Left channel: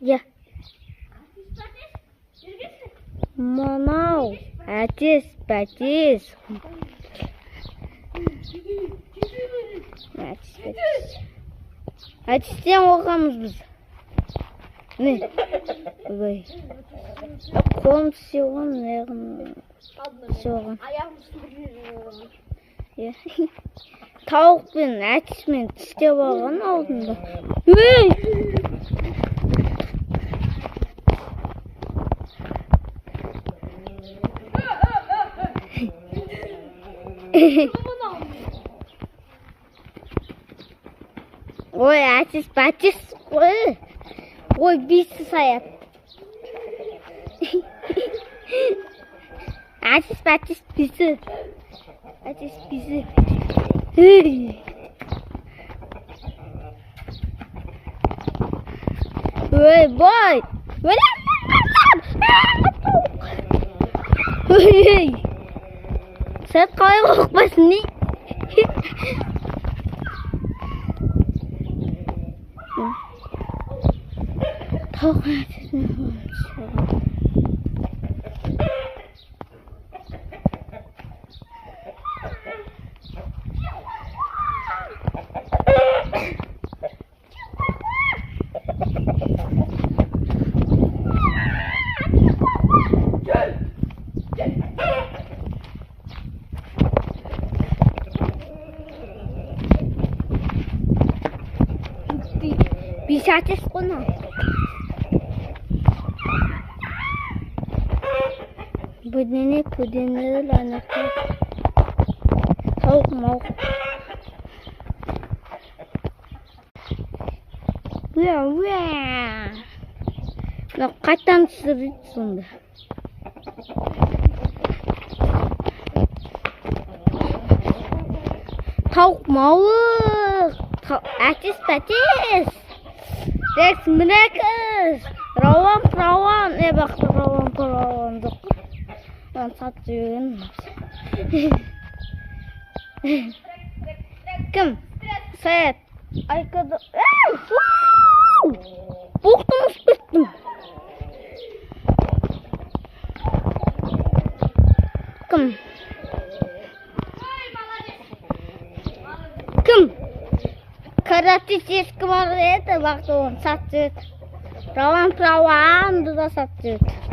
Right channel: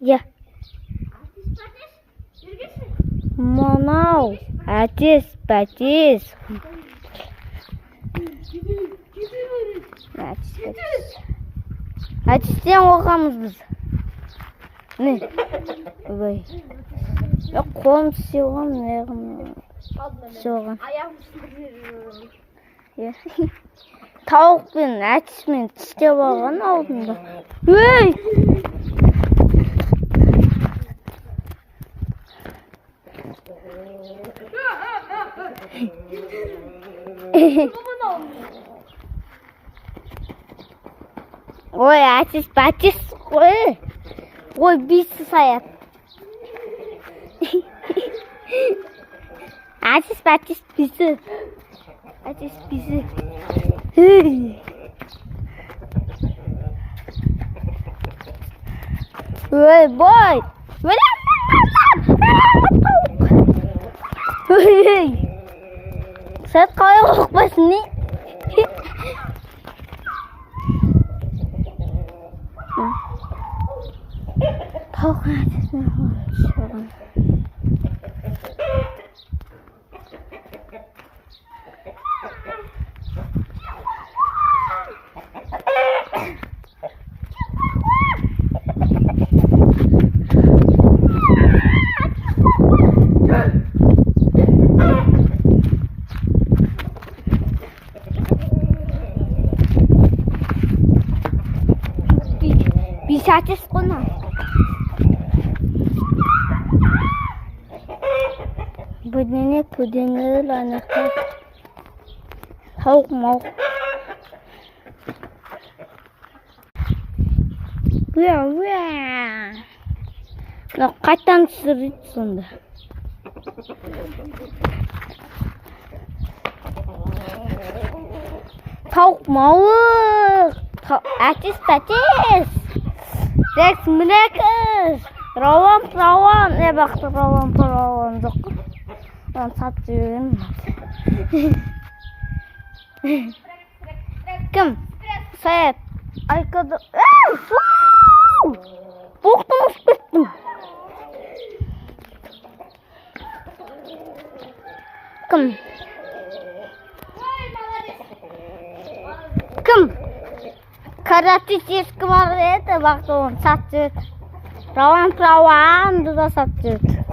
Я. Мамау. Атис, батис. Атистен оқамыз біз. Не? Ой. Қолым сеуған, аяғым сеуған. Тауық пен әтіс мен тістеп алған алдында. Ой! Ой, әтіс, бәтіс, ой! Ой, бейсі саят. Әтіс, бәтіс, бейсі. Әтіс, бейсі. Ой, бой! Ой! Сәт қалай қорқпасын, не? Тауық әтісіне қойып Бейс әтіс қона. Бүдене ланақта. Тауық мауық. Уя. Қайтан түсірді сонда. Тауық мауық. Әтіс, бәтіс. Зәкс, мінәкіс. Рауан. Бақты рауан жоқ. Он сат жүрген. Кім? Сәет. Айқады. Бұқтым ұспеттім. Кім? Каратис ескі бар еді, бақты он сат жүрді. Рауан да сат жүрді.